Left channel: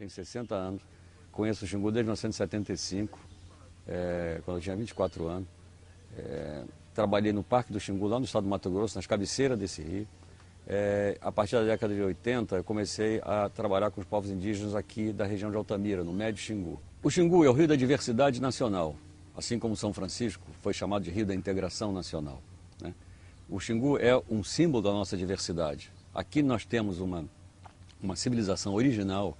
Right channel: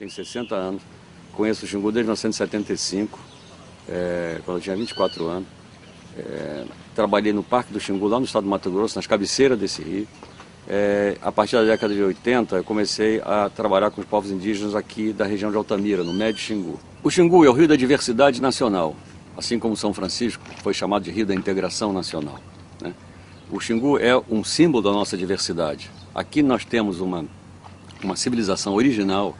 Tenho 60 anos, conheço o Xingu desde 1975, quando eu tinha 24 anos. Trabalhei no Parque do Xingu, lá no estado do Mato Grosso, nas cabeceiras desse rio. A partir da década de 80, eu comecei a trabalhar com os povos indígenas aqui da região de Altamira, no Médio Xingu. O Xingu é o rio da diversidade nacional, assim como São Francisco foi chamado de rio da integração nacional, né? O Xingu é um símbolo da nossa diversidade. Aqui nós temos uma civilização original,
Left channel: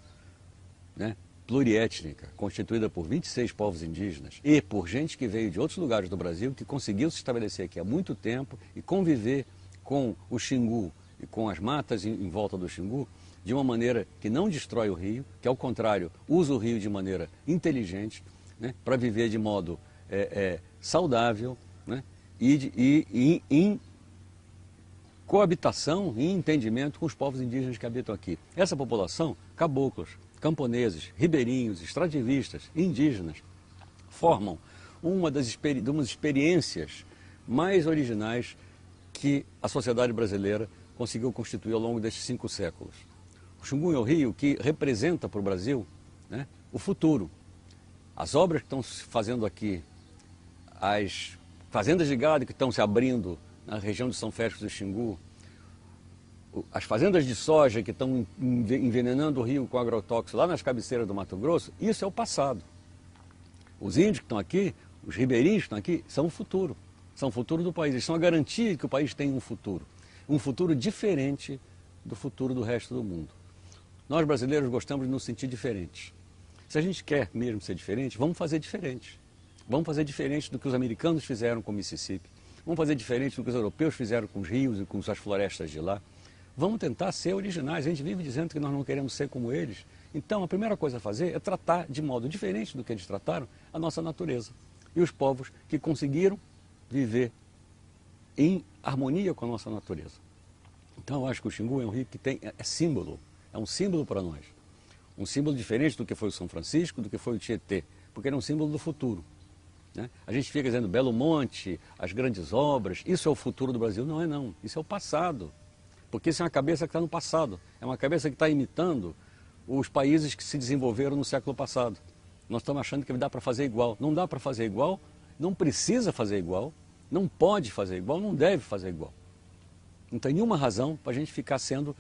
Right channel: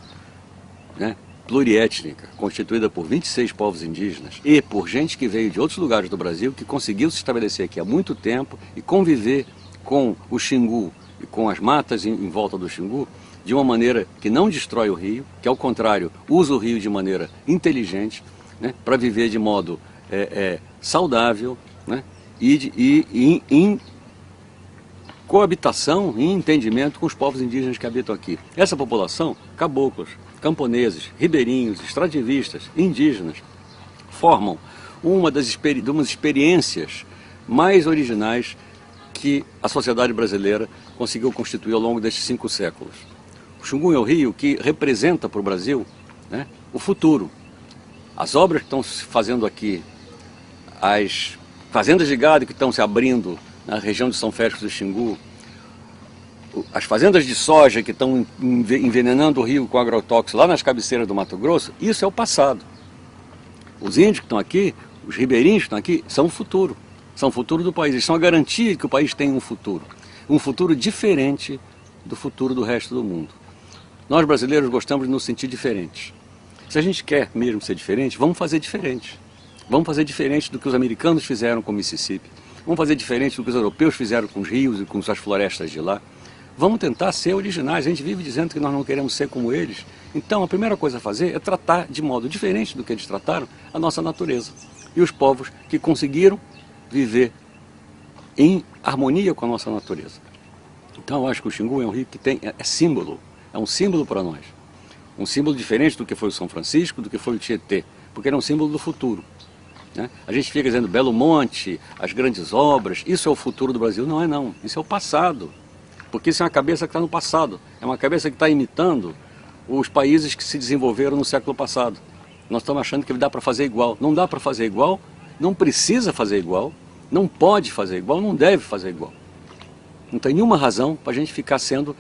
né, pluriétnica, constituída por 26 povos indígenas e por gente que veio de outros lugares do Brasil, que conseguiu se estabelecer aqui há muito tempo e conviver com o Xingu e com as matas em volta do Xingu de uma maneira que não destrói o rio, que ao contrário usa o rio de maneira inteligente, né, para viver de modo saudável, né, e em coabitação e entendimento com os povos indígenas que habitam aqui. Essa população, caboclos, camponeses, ribeirinhos, extrativistas, indígenas, formam uma das experiências mais originais que a sociedade brasileira conseguiu constituir ao longo destes 5 séculos. O Xingu é o rio que representa para o Brasil, né, o futuro. As obras que estão se fazendo aqui, as fazendas de gado que estão se abrindo na região de São Félix do Xingu, as fazendas de soja que estão envenenando o rio com agrotóxicos lá nas cabeceiras do Mato Grosso, isso é o passado. Os índios que estão aqui, os ribeirinhos que estão aqui, são o futuro do país. Eles são a garantia de que o país tem um futuro diferente do futuro do resto do mundo. Nós brasileiros gostamos de nos sentir diferentes. Se a gente quer mesmo ser diferente, vamos fazer diferente. Vamos fazer diferente do que os americanos fizeram com o Mississippi. Vamos fazer diferente do que os europeus fizeram com os rios e com as florestas de lá. Vamos tentar ser originais. A gente vive dizendo que nós não queremos ser como eles. Então, a primeira coisa a fazer é tratar de modo diferente do que eles trataram a nossa natureza. E os povos que conseguiram viver em harmonia com a nossa natureza. Então, eu acho que o Xingu é um rio que é símbolo. É um símbolo para nós. Um símbolo diferente do que foi o São Francisco, do que foi o Tietê. Porque ele é um símbolo do futuro, né? A gente fica dizendo Belo Monte, as grandes obras, isso é o futuro do Brasil. Não é não, isso é o passado. Porque isso é uma cabeça que está no passado. É uma cabeça que está imitando os países que se desenvolveram no século passado. Nós estamos achando que dá para fazer igual. Não dá para fazer igual, não precisa fazer igual, não pode fazer igual, não deve fazer igual. Não tem nenhuma razão para a gente ficar sendo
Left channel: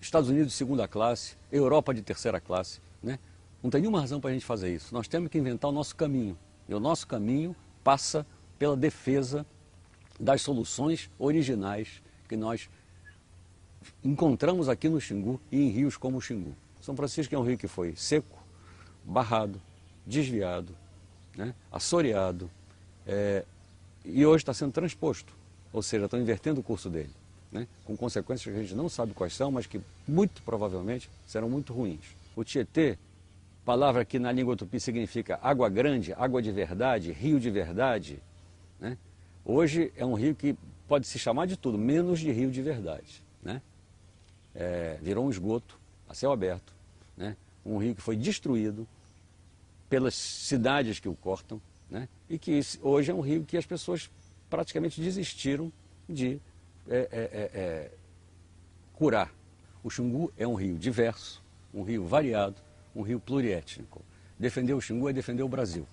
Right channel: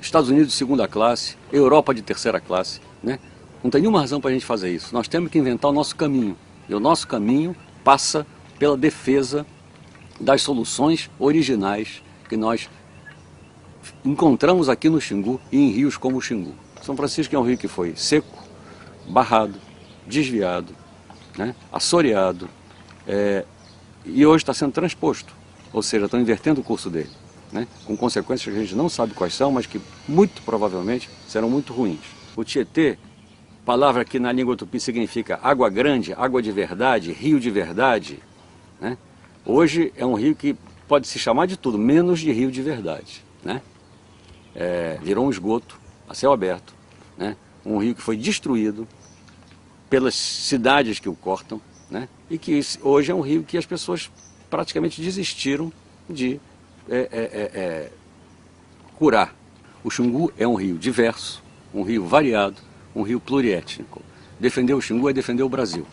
Estados Unidos de segunda classe, Europa de terceira classe, né? Não tem nenhuma razão para a gente fazer isso. Nós temos que inventar o nosso caminho. E o nosso caminho passa pela defesa das soluções originais que nós encontramos aqui no Xingu e em rios como o Xingu. São Francisco é um rio que foi seco, barrado, desviado, né, assoreado, e hoje está sendo transposto, ou seja, estão invertendo o curso dele, né, com consequências que a gente não sabe quais são, mas que muito provavelmente serão muito ruins. O Tietê, palavra que na língua tupi significa água grande, água de verdade, rio de verdade, né, hoje é um rio que pode se chamar de tudo, menos de rio de verdade, né? Virou um esgoto a céu aberto, né? Um rio que foi destruído pelas cidades que o cortam, né? E que hoje é um rio que as pessoas praticamente desistiram de curar. O Xingu é um rio diverso, um rio variado, um rio pluriétnico. Defender o Xingu é defender o Brasil.